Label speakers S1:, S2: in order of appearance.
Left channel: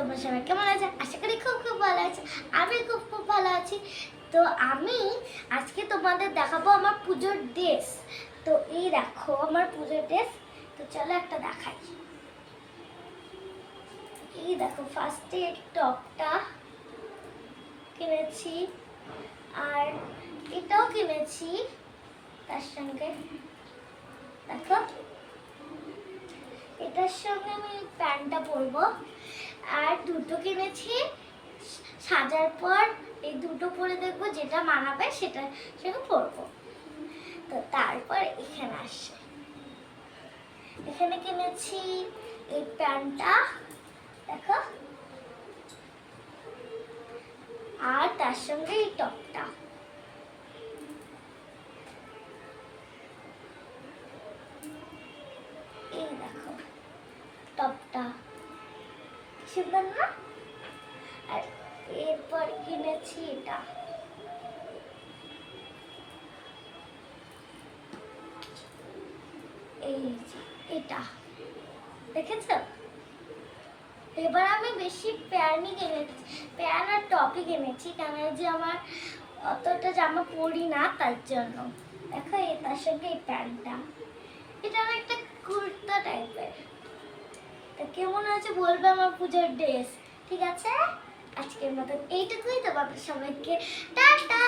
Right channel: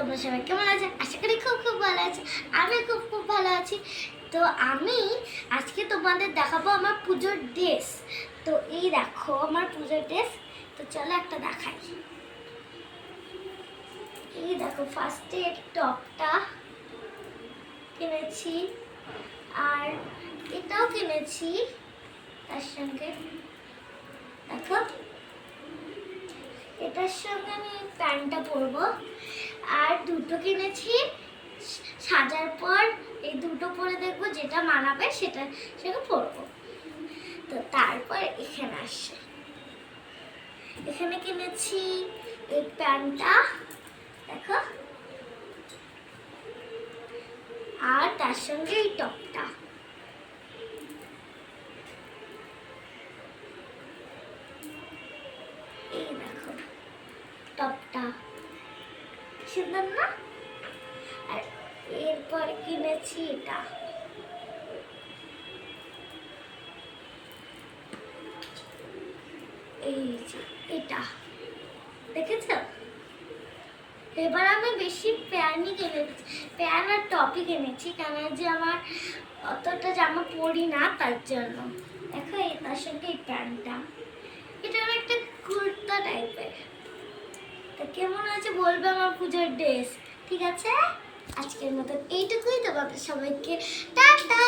S1: তোমরা সবাই কেমন আছে? আশা করি খুব খুব ভালো আছে। আমি খুব খুব ভালো আছি। তো আমি আজকে তোমাদের দেখাবো আমার পুজোর ড্রেস। তো এই দেখো আমার পুজোর ড্রেস। তো চলো একটা দেখাই। এই দেখো ফার্স্টে টপটা কিনেছি। আর এটাও কিনেছি। তার সঙ্গে দেখো। এটার সঙ্গে আমি প্যান্টটা পরবো। আর দুটো কিনেছি। সাজার পর এই দুটো পরে দেখব যেটা মানাবে সেটা সেটা পরবো। তো তারপর এখানে আসছে। এখানে কিনেছি এই প্যান্টটা, দেখো। আর তার সঙ্গে এই টপটা। সুন্দর না? আর এরপর কিনেছি এটা। এই যে এটা। দেখেছ এবার আমি বেশি প্যান্টই কিনেছি প্যান্ট আর টপই কিনেছি কেন যে আমার অতটা জামা পরি না তার জন্য। দেখো এই তার সঙ্গে এই প্যান্টটা। কেমন আছে বলবে আমার পূজার ড্রেস? ঠিক আছে? আজকের মতন এইটুকুই। তো বাবা সবাইকে টাটা।